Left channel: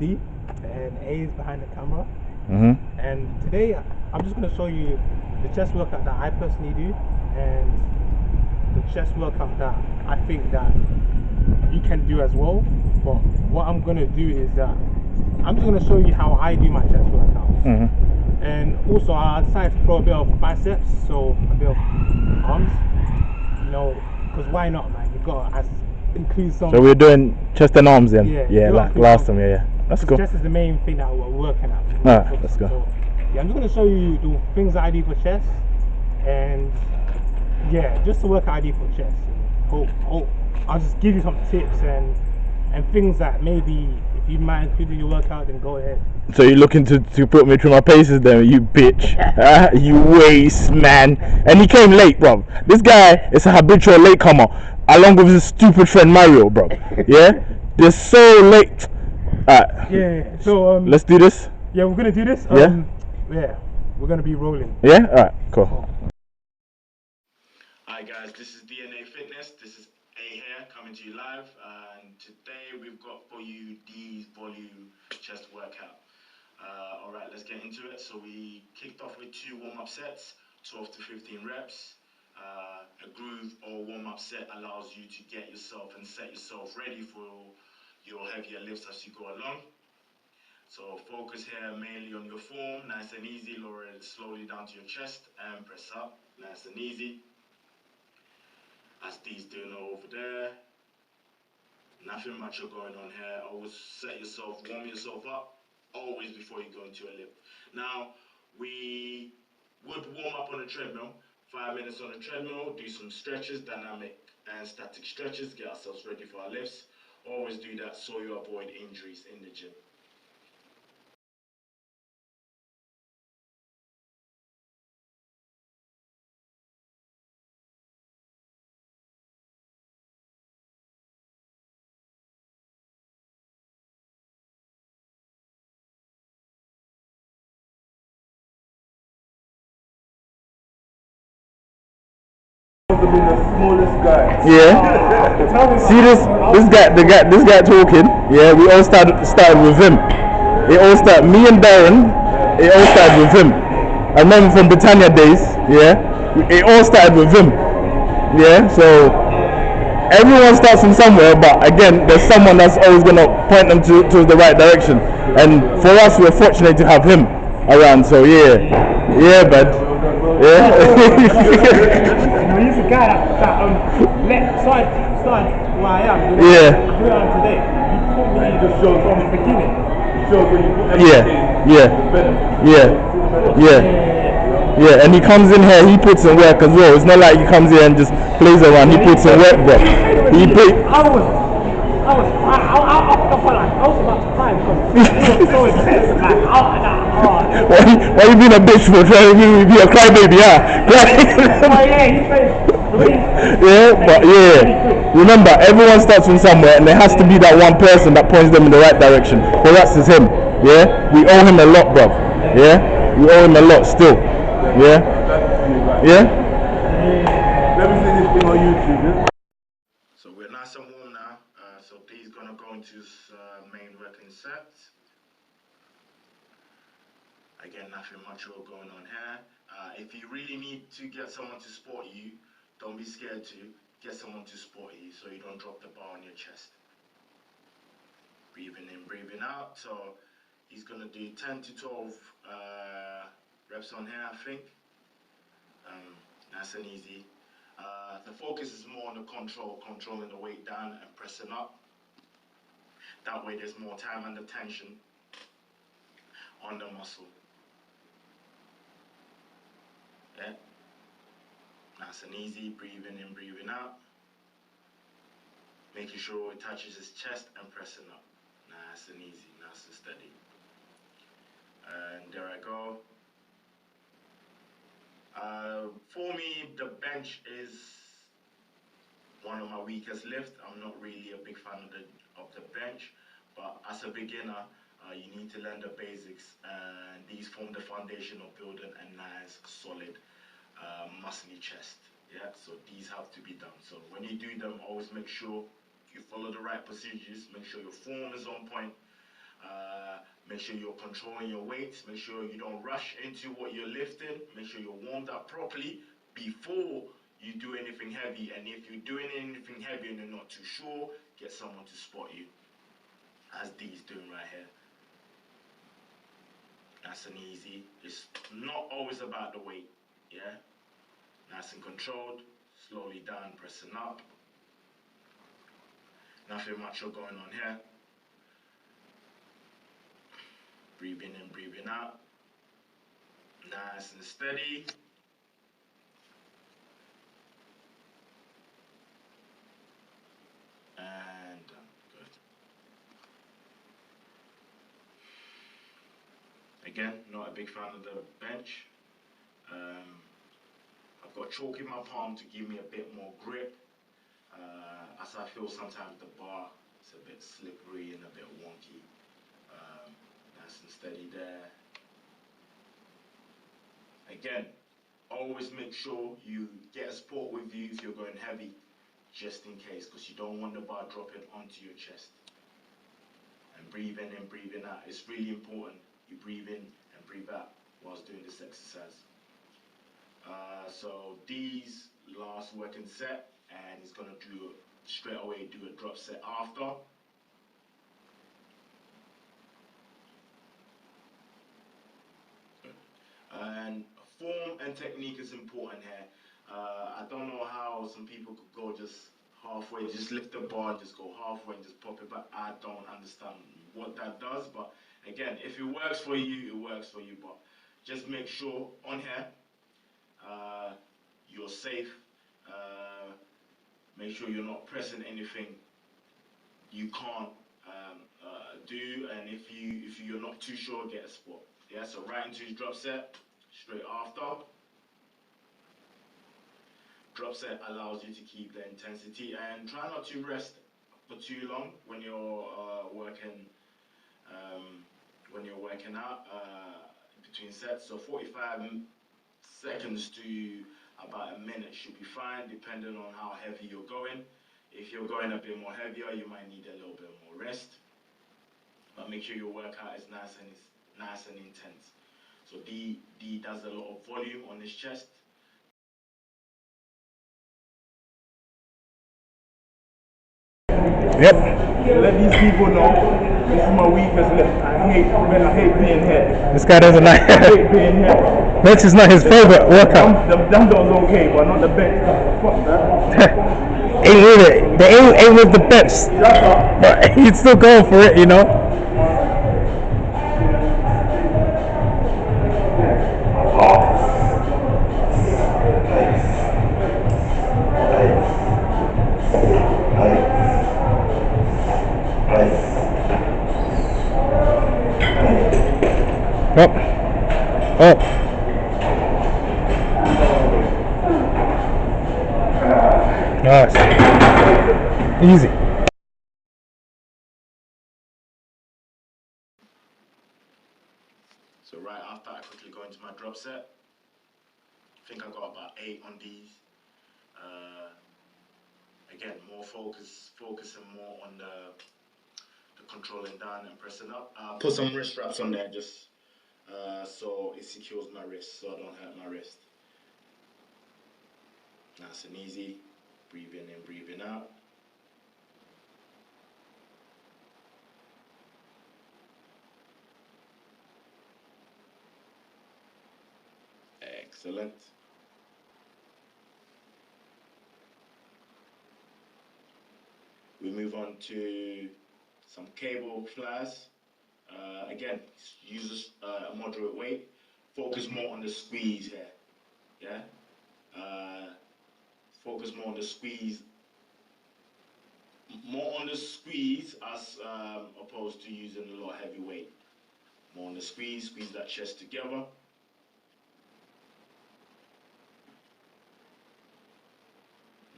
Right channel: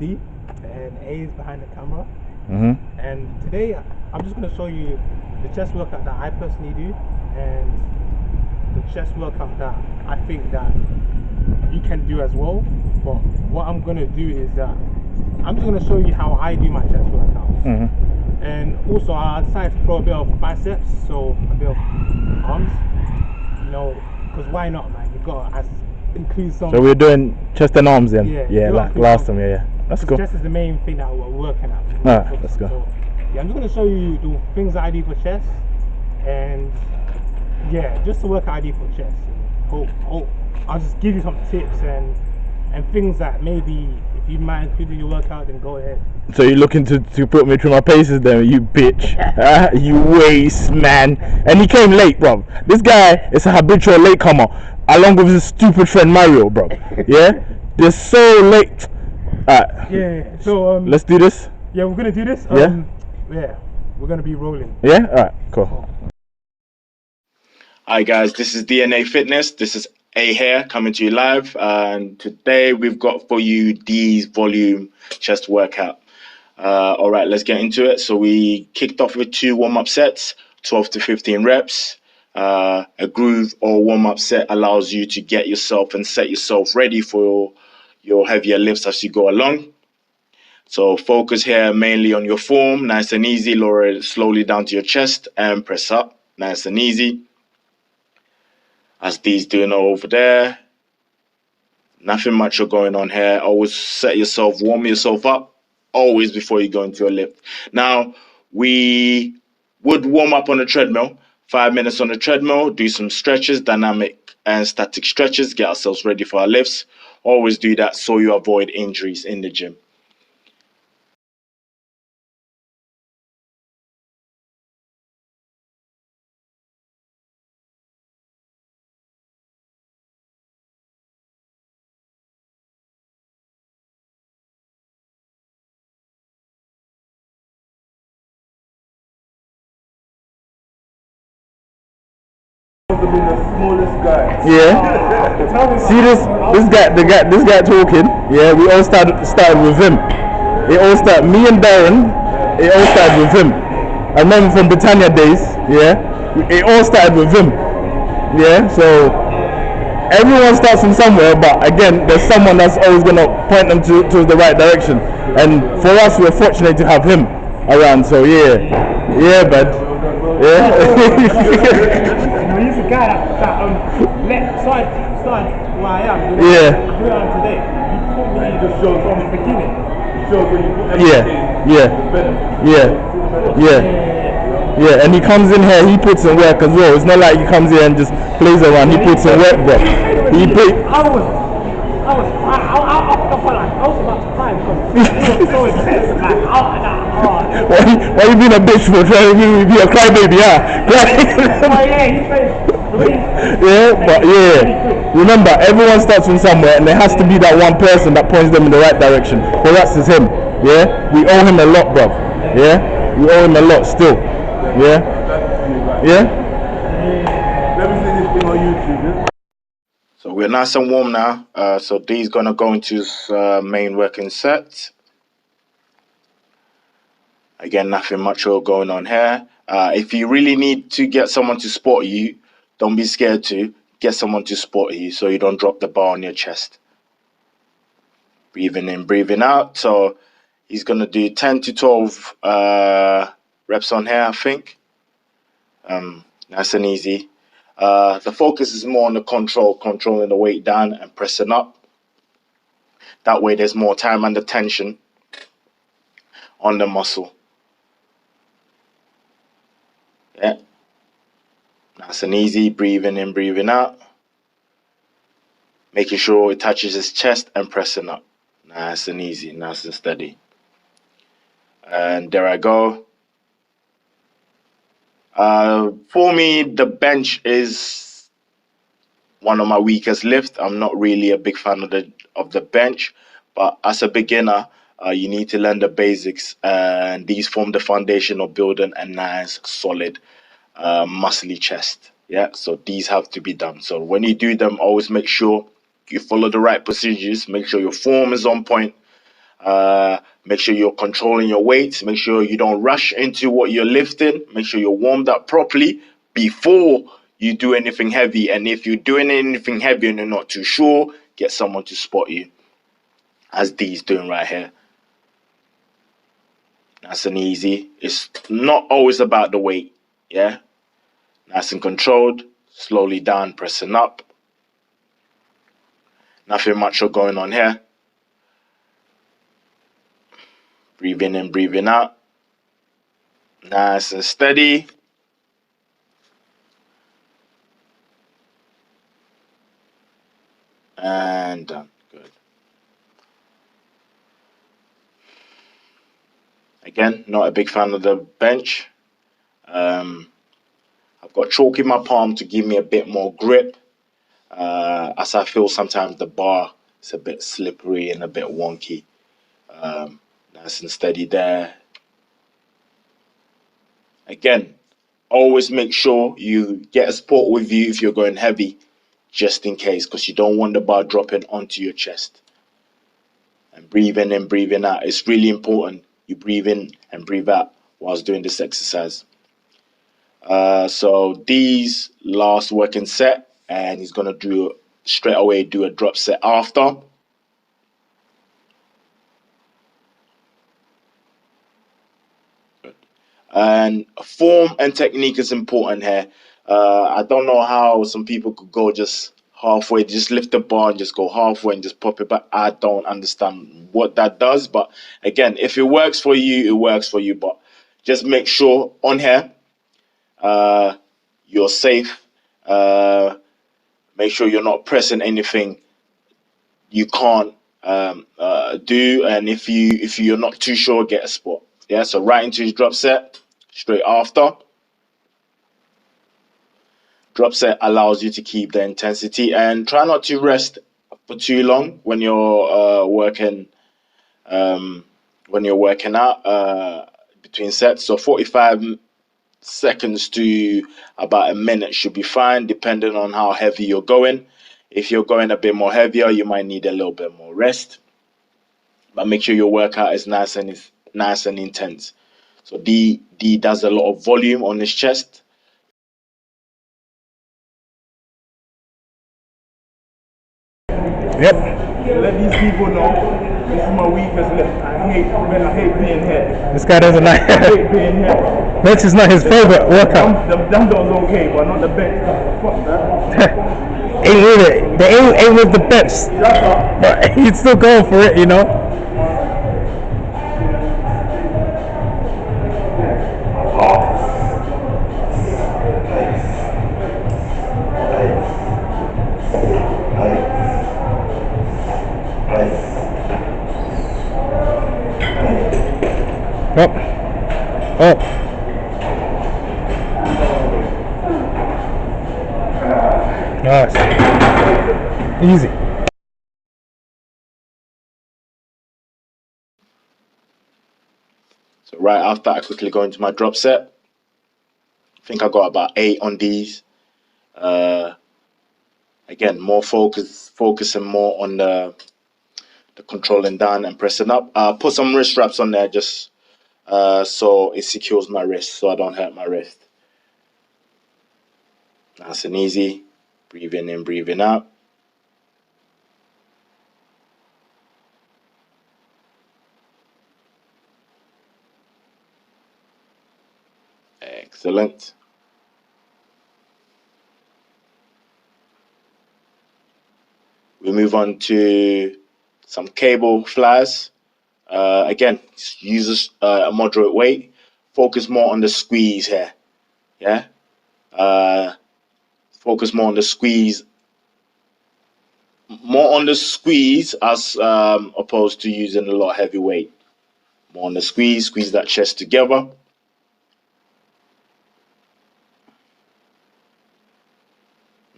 D, and A is behind the camera. Mm-hmm. And today I'm just going to show you the chest workout that I personally do, and the chest workout that I think that you can do as well. But what I'm going to do is that I'm just going to show you how I do my chest workouts. Mm-hmm. And also I decided to throw a bit of biceps, so a bit of arms, you know, because why not, man? You've got to include some. So we're doing chest and arms then? Yeah, like last time, yeah. That's cool. Chest is the main thing that we're working at. Alright, let's go. So, yeah, I'm just going to show you the things that I do for chest, and yeah, just the workout I do for chest. I'll just give you some tips and things that maybe if you might include in your workout, then go ahead. So you're looking to put me through my paces then, you bitch. You waste, man. And he came late, bro. This guy is a habitual latecomer, along with his stupid friend Mario, bro. Yeah? They're so late. Yeah, so let's do this. Yeah, we're gonna do this. Yeah, we're gonna be rolling. Yeah, alright, cool. Hi guys, this is DNA Fitness. This is A here coming to you live, and today we've got for you D's volume chest workout. All right, let's get into it. So we kicked off with 2 warm-up sets, 12 to 15 reps. A groove or warm-up set allows you to get yourself and set yourself ready for your heavier lifts as you go along. So focus here mainly on your form, nice and easy. Lower it slowly down to your chest and press up, nice and easy. As D's doing over there. Nothing much going on here. Always set yourself, warm yourself up, always before you go into a lift. Now, we would warm up on the treadmill, 5 minutes on the treadmill, do some stretches, dynamic and static stretches, get ourselves ready for our lifts. Always do that so you avoid injuries in the gym. The smallest guy. Yeah. See this guy talking. Yeah, we all started with him. It all started, me and Darren. It all started with him. I remember from Britannia days. Yeah, it all started with him. Yeah, so everyone starts from somewhere, but again, there's someone that's always gonna point them to the right direction. And for us, we're fortunate to have him around. So yeah, bud. Yeah. He's a guy that started where I am. Yeah. Where I am today. You put me in the show from the beginning. Yeah, and he comes in here, he puts in work as well. It's not like he comes here and just plays around, he puts in work, bro. I was about to cry because it was so intense. Why you being a bitch for trying to be a crybaby, yeah, remember, everyone starts from somewhere and there has to be that one person that points them in the right direction. For us, it's him. Yeah, we owe him a lot, bro. Yeah, we owe him a lot still. Yeah. Let me see this thing on YouTube. So we're nice and warm now. So D's gonna go into his main working set. Again, nothing much going on here. If you really need to get someone to spot you, don't be scared to get someone to spot you so you don't drop the bar on your chest. Breathing in, breathing out. So he's gonna do 10 to 12 reps on here, I think. Nice and easy. The focus is more on the controlling the weight down and pressing up. That way there's more time and the tension on the muscle. Yeah. Nice and easy, breathing in, breathing out. Making sure it touches his chest and pressing up. Nice and easy, nice and steady. And there I go. For me, the bench is one of my weakest lifts. I'm not really a big fan of the bench, but as a beginner, you need to learn the basics, and these form the foundation of building a nice, solid, muscly chest. Yeah, so these have to be done. So when you do them, always make sure you follow the right procedures. Make sure your form is on point. Make sure you're controlling your weights. Make sure you don't rush into what you're lifting. Make sure you're warmed up properly before you do anything heavy. And if you're doing anything heavy and you're not too sure, get someone to spot you, as D's doing right here. Nice and easy. It's not always about the weight, yeah? Nice and controlled. Slowly down, pressing up. Nothing much going on here. Breathing in, breathing out. Nice and steady. And done. Good. Again, not a big fan of the bench. I've got chalk in my palm to give me a bit more grip, as I feel sometimes the bar is a bit slippery and a bit wonky. Nice and steady there. Again, always make sure you get a support with you if you're going heavy, just in case, because you don't want the bar dropping onto your chest. And breathing in, breathing out. It's really important you breathe in and breathe out whilst doing this exercise. So D's last working set, and he's gonna do straight away do a drop set after. And form and technique is important here. I don't know how some people could go just halfway, just lift the bar and just go halfway and just pop it back. I don't understand what that does, but again, if it works for you, it works for you. But just make sure on here, you're safe. Make sure you're not pressing anything you can't do, and if you're not too sure, get a spot. Yeah, so right into his drop set straight after. Drop set allows you to keep the intensity and try not to rest for too long when you're working out between sets. So 45 seconds to about a minute should be fine, depending on how heavy you're going. If you're going a bit more heavier, you might need a little bit more rest. But make sure your workout is nice and intense. So D does a lot of volume on his chest. Yep. Let these people know this is my weakest left. I hate being here. This guy doesn't like. I hate being here. Bench is not his favorite workout. The dumbbell's okay, but not the bench. Fuck that. Ain't with it. They ain't with the bench. But he'd still go for it, you know. Up. Up. Nice. Easy. So right after, I quickly go into my drop set. I think I got about 8 on these. Again, more focusing more on the controlling down and pressing up. Put some wrist straps on there just so it secures my wrist, so I don't hurt my wrist. Nice and easy. Breathing in, breathing out. Excellent. We move on to some cable flies. Again, use a moderate weight. Focus more on the squeeze here. Yeah. Focus more on the squeeze. More on the squeeze as opposed to using a lot of heavy weight. More on the squeeze. Squeeze that chest together.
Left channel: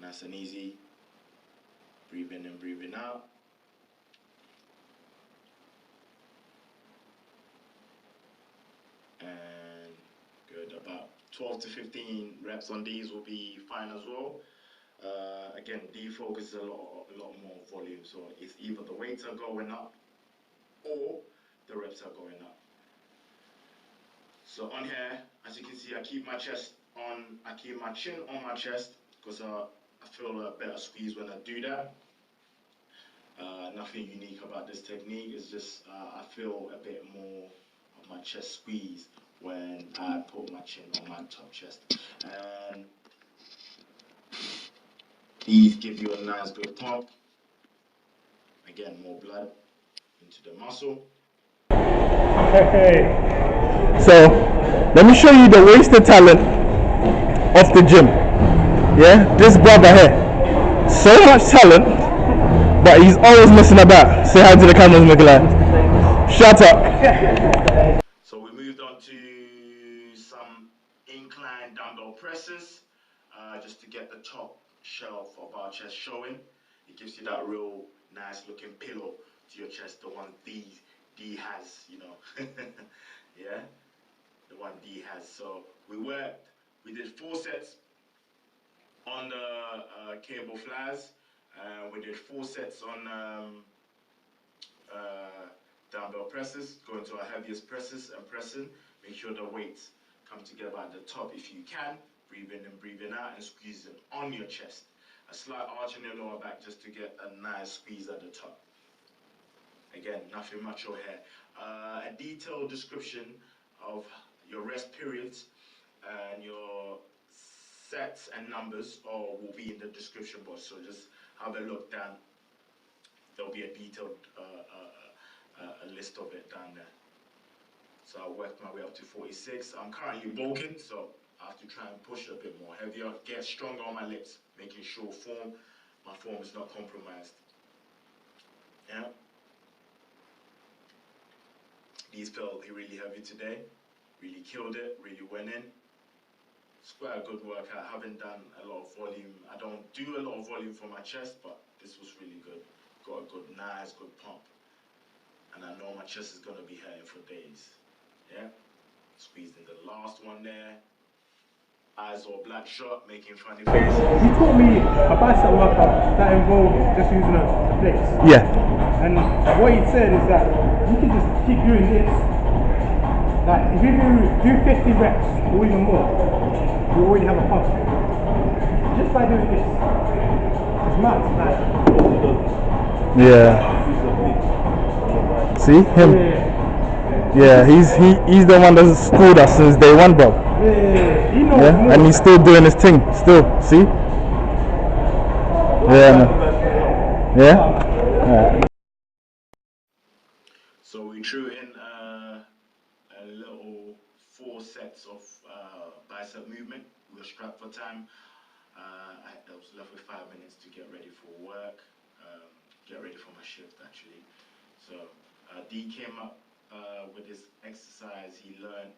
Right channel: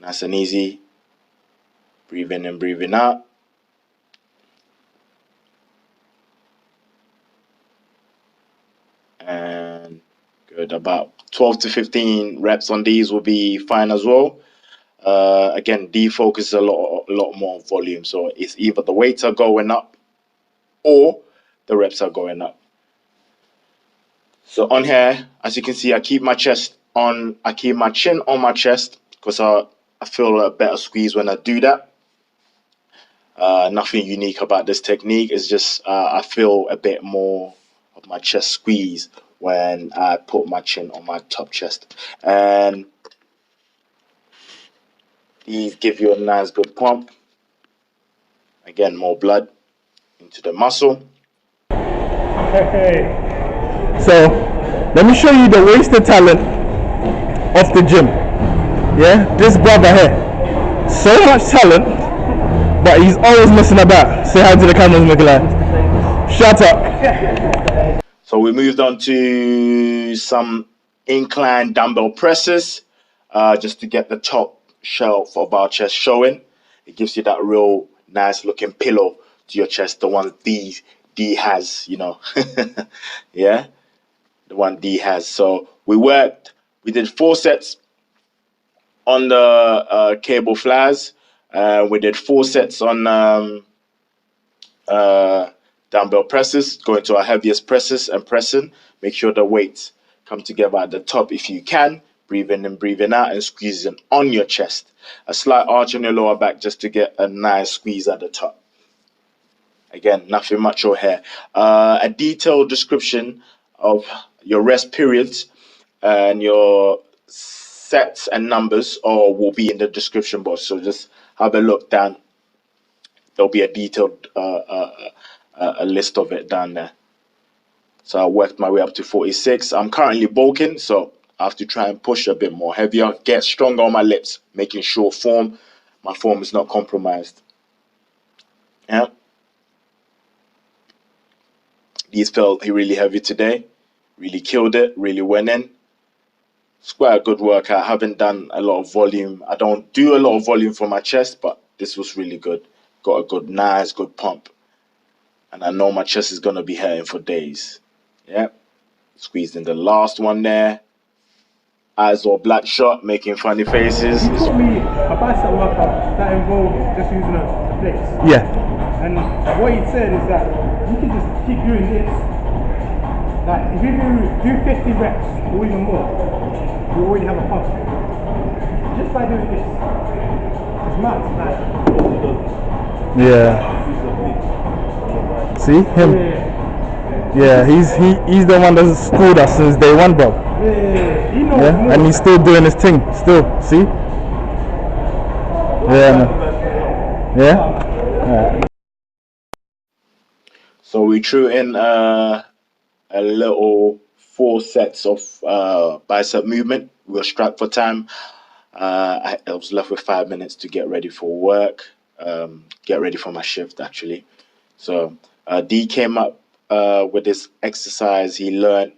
Nice and easy. Breathing in, breathing out. And good. About 12 to 15 reps on these will be fine as well. Again, D focuses a lot more on volume. So it's either the weights are going up or the reps are going up. So on here, as you can see, I keep my chin on my chest because I feel a better squeeze when I do that. Nothing unique about this technique. It's just I feel a bit more of my chest squeeze when I put my chin on my top chest. And these give you a nice good pump. Again, more blood into the muscle. Hey. So let me show you the wasted talent of the gym. Yeah, this brother here, so much talent, but he's always messing about. Say hi to the cameras, Nikolai. Shut up. So we moved on to some incline dumbbell presses, just to get the top shelf of our chest showing. It gives you that real nice looking pillow to your chest, the one D has, you know. Yeah, the one D has. So we did 4 sets on the cable flyers. We did 4 sets on dumbbell presses, going to our heaviest presses and pressing. Make sure the weights come together at the top if you can. Breathing in, breathing out, and squeezing on your chest. A slight arch on your lower back just to get a nice squeeze at the top. Again, nothing much or here. A detailed description of your rest periods and your sets and numbers will be in the description box. So just have a look down. There'll be a detailed a list of it down there. So I worked my way up to 46. I'm currently bulking, so I have to try and push a bit more heavier, get stronger on my lifts, making sure my form is not compromised. Yeah. These felt really heavy today. Really killed it, really went in. It's quite a good workout. I haven't done a lot of volume. I don't do a lot of volume for my chest, but this was really good. Got a nice pump. And I know my chest is going to be hurting for days. Yeah. Squeezed in the last one there. Eyes all black shot, making funny faces. He taught me a bicep workout that involves just using the plates. Yeah. And what he said is that you can just keep doing this. Like if you do 50 reps or even more, you already have a pump. Just by doing this. It's mad. Like, Yeah. See him? Yeah, he's the one that's schooled us since day one, bro. Yeah, he knows more. And he's still doing his thing. Still, see? Yeah. Yeah. So we threw in a little 4 sets of bicep movement. We were strapped for time. I was left with 5 minutes to get ready for work, get ready for my shift actually. So D came up with this exercise he learned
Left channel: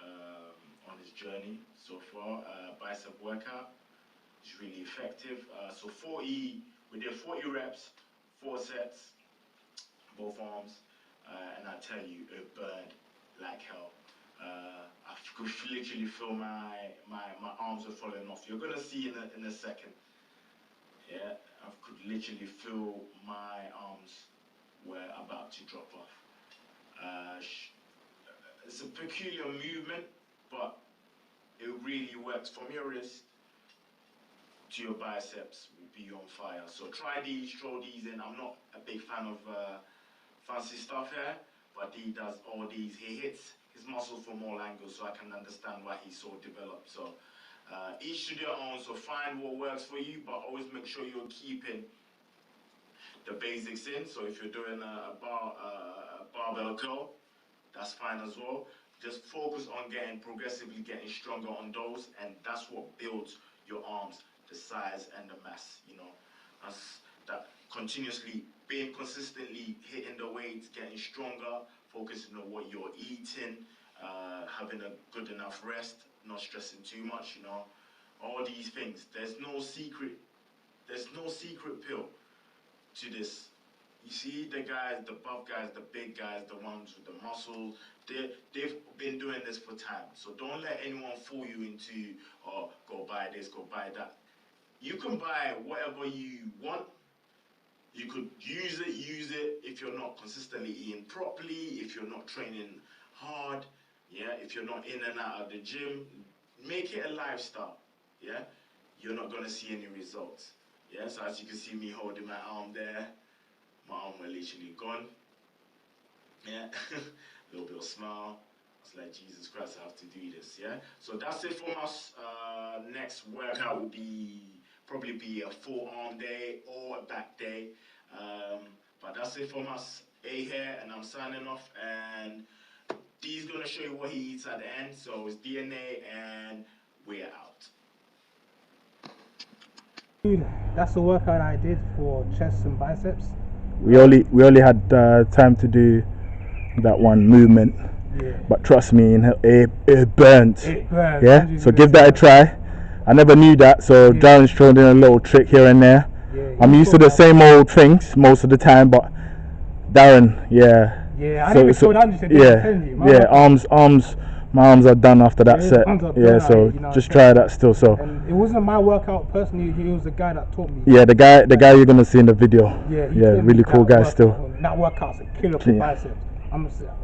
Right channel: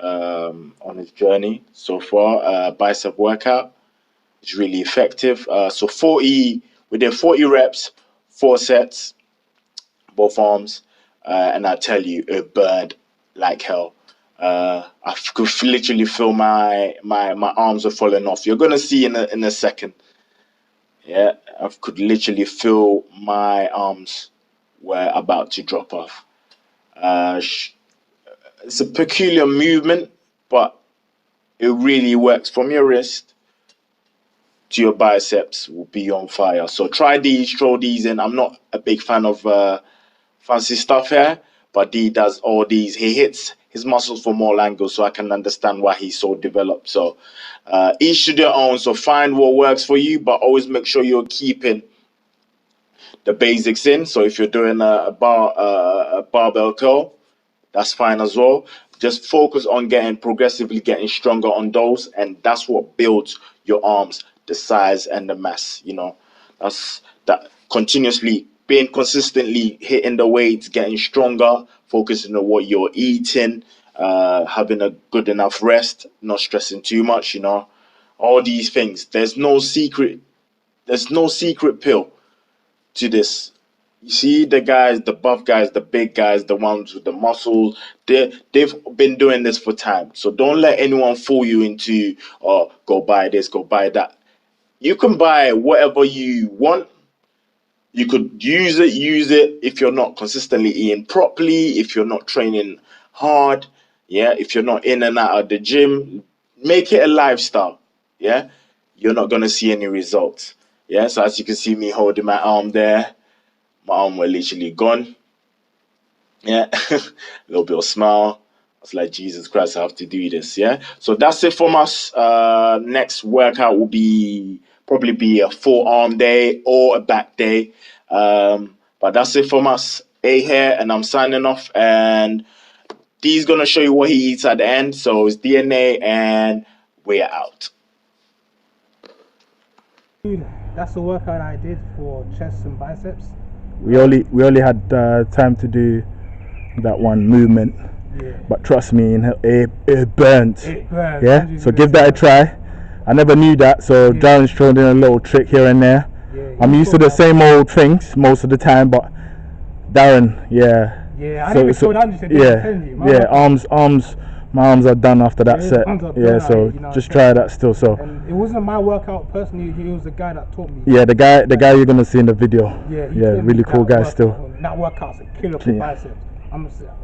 on his journey so far, bicep workout. It's really effective. So we did 40 reps, 4 sets, both arms, and I tell you, it burned like hell. I could literally feel my arms are falling off. You're gonna see in a second. Yeah, I could literally feel my arms were about to drop off. It's a peculiar movement, but it really works. From your wrist to your biceps will be on fire. So try these, throw these in. I'm not a big fan of fancy stuff here, but D does all these. He hits his muscles from all angles, so I can understand why he's so developed. So each to their own. So find what works for you, but always make sure you're keeping the basics in. So if you're doing a barbell curl, that's fine as well. Just focus on progressively getting stronger on those, and that's what builds your arms, the size and the mass. You know, that's that continuously being consistently hitting the weights, getting stronger, focusing on what you're eating, having a good enough rest, not stressing too much. You know, all these things. There's no secret. There's no secret pill to this. You see the guys, the buff guys, the big guys, the ones with the muscles, they've been doing this for time. So don't let anyone fool you into, go buy this, go buy that. You can buy whatever you want, You could use it if you're not consistently eating properly, if you're not training hard, yeah, if you're not in and out of the gym. Make it a lifestyle, yeah. You're not gonna see any results, yeah. So as you can see me holding my arm there, my arm were literally gone, yeah. A little bit of smile. I was like, Jesus Christ, I have to do this, yeah. So that's it from us. Next workout will probably be a forearm day or a back day. But that's it from us. A here, and I'm signing off. And D's gonna show you what he eats at the end. So it's DNA, and we're out. Dude, that's the workout I did for chest and biceps. We only had time to do that one movement, Yeah. but trust me, it burnt. It burns. Yeah. Andrew's So gonna give that a try. I never knew that, so Yeah. Darren's thrown in a little trick here and there. Yeah, I'm used to the same old things most of the time, but Darren, yeah. Yeah, I never told Andrew to yeah, arms. My arms are done after that Yeah, set. arms are Yeah, done, so you know, just try that still. So And it wasn't my workout personally. He was the guy that taught me. yeah, the guy you're gonna see in the video. Yeah, he Yeah, taught me really cool that guy workout. still. That workout's a killer for Yeah. biceps.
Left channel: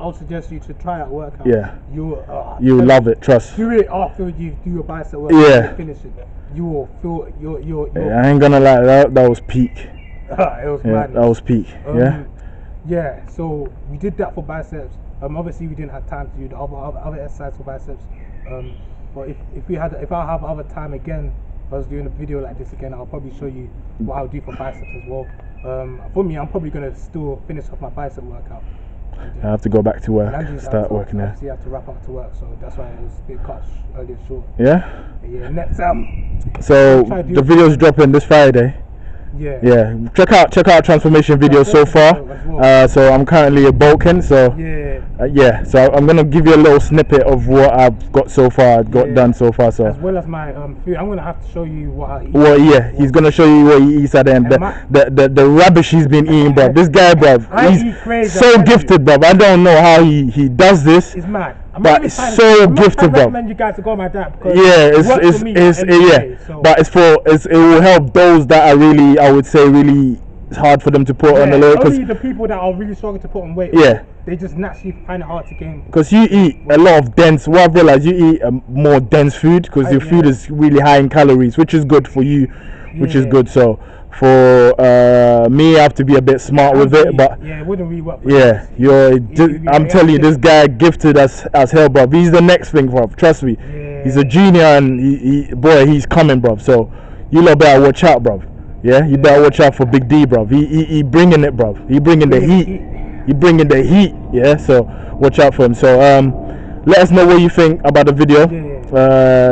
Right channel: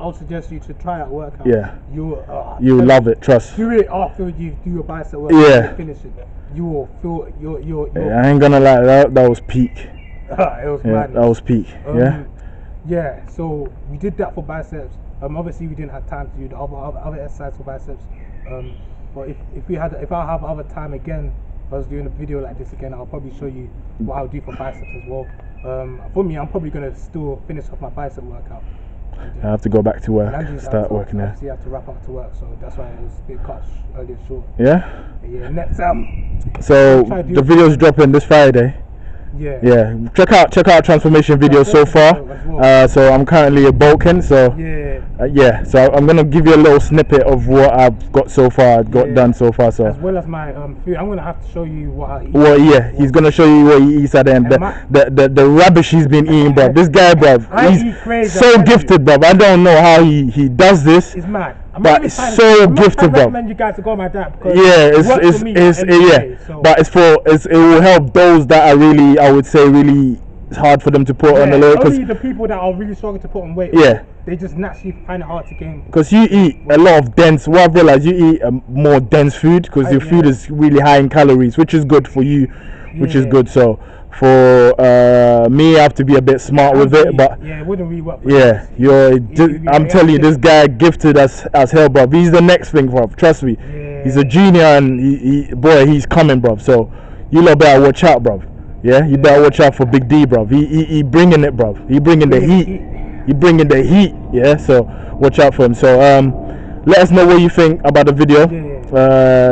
I'll suggest you to try that workout. Yeah. You love it, trust. Do it after you do your bicep workout. Yeah. You finish it. You will feel your Yeah, I ain't gonna lie, that was peak. it was Yeah, madness. that was peak. Yeah. Yeah, so we did that for biceps. Obviously we didn't have time to do the other exercise for biceps. But if I have other time again, if I was doing a video like this again, I'll probably show you what I'll do for biceps as well. For me, I'm probably gonna still finish off my bicep workout. I have to go back to work, Andrew's start working there. Obviously, I have to wrap up to work, so that's why it was a bit cut early and short. Yeah. Yeah, next So try to do the video's dropping this Friday. yeah. Yeah, check out transformation videos so far. So I'm currently at Balkan, so Yeah. so I'm gonna give you a little snippet of what I've got so far, done so far. So As well as my food, I'm gonna have to show you what I eat. well, yeah, he's gonna show you what he eats at the end. The rubbish he's been eating, bro. This guy, bro, I he's eat crazy, so I tell gifted, bro. I don't know how he does this. It's mad. But it's so gifted, bro. I recommend you guys to go on my diet because Yeah, it works for me every day, so. but it will help those that are really, I would say, really hard for them to put on the load. Only the people that are really struggling to put on weight. Yeah. They just naturally find it hard to gain. Because you eat a lot of dense. What I've realized, you eat more dense food because your food is really high in calories, which is good for you, which is good. So for me, I have to be a bit smart with it, but yeah, it wouldn't really work. I'm telling you, this guy gifted as hell, bro. He's the next thing, bro. Trust me. Yeah. He's a junior, and he's coming, bro. So you lot better watch out, bro. Yeah, you better watch out for Big D, bro. He bringing it, bro. He bringing the heat. He bringing the heat. Yeah, so watch out for him. So let us know what you think about the video.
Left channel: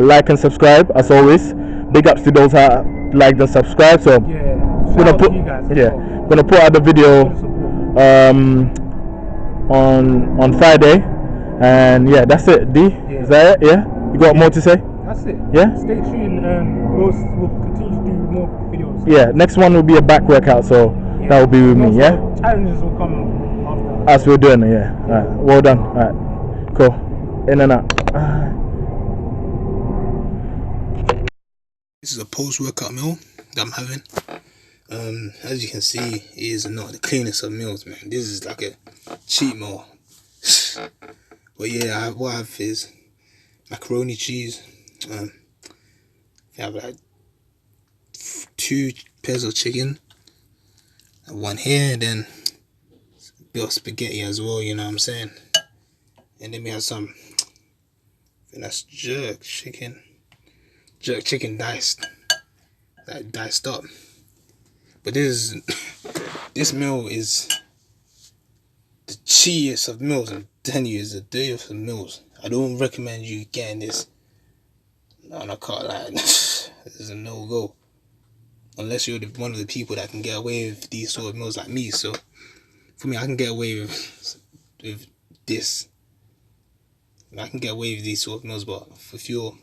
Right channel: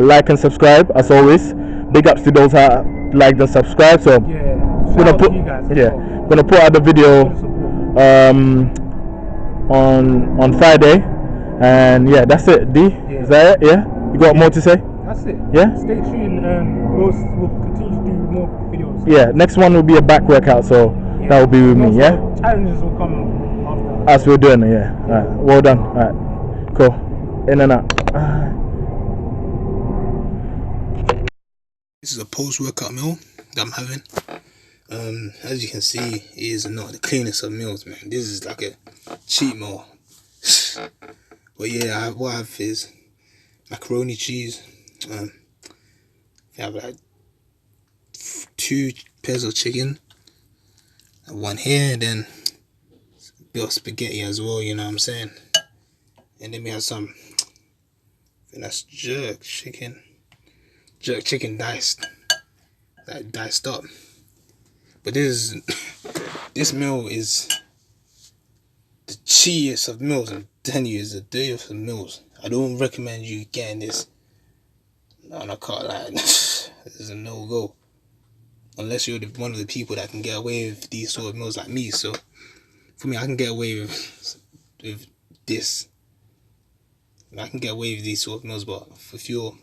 Like and subscribe as always. Big ups to those that liked and subscribed. So gonna put out the video on Friday, and yeah, that's it. D, is that it? Yeah, you got more to say? That's it. Yeah. Stay tuned. We'll continue to do more videos. Yeah, next one will be a back workout, so that will be with me. Yeah. Challenges will come after. As we're doing it. Yeah. All right. Well done. All right. Cool. In and out. This is a post-workout meal that I'm having. As you can see, it is not the cleanest of meals, man. This is like a cheat meal. But yeah, what I have is macaroni cheese. I have like 2 pairs of chicken, and 1 here, and then a bit of spaghetti as well. You know what I'm saying? And then we have some. I think that's jerk chicken diced, like diced up. But this meal is the cheapest of meals. I'm telling you, it's the dirtiest of meals. I don't recommend you getting this on a car line. This is a no-go. Unless you're one of the people that can get away with these sort of meals like me. So, for me, I can get away with this. I can get away with these sort of meals, but if you're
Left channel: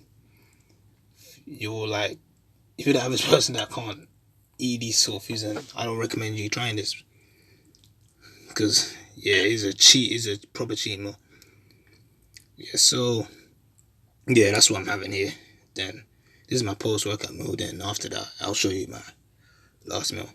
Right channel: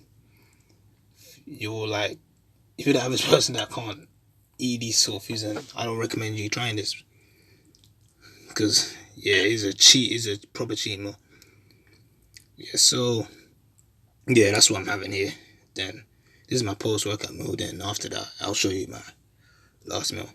like, if you're the average person that can't eat these sort of foods, then I don't recommend you trying this. Because, yeah, it's a proper cheat meal. Yeah, so, yeah, that's what I'm having here. Then, this is my post-workout meal. Then, after that, I'll show you my last meal.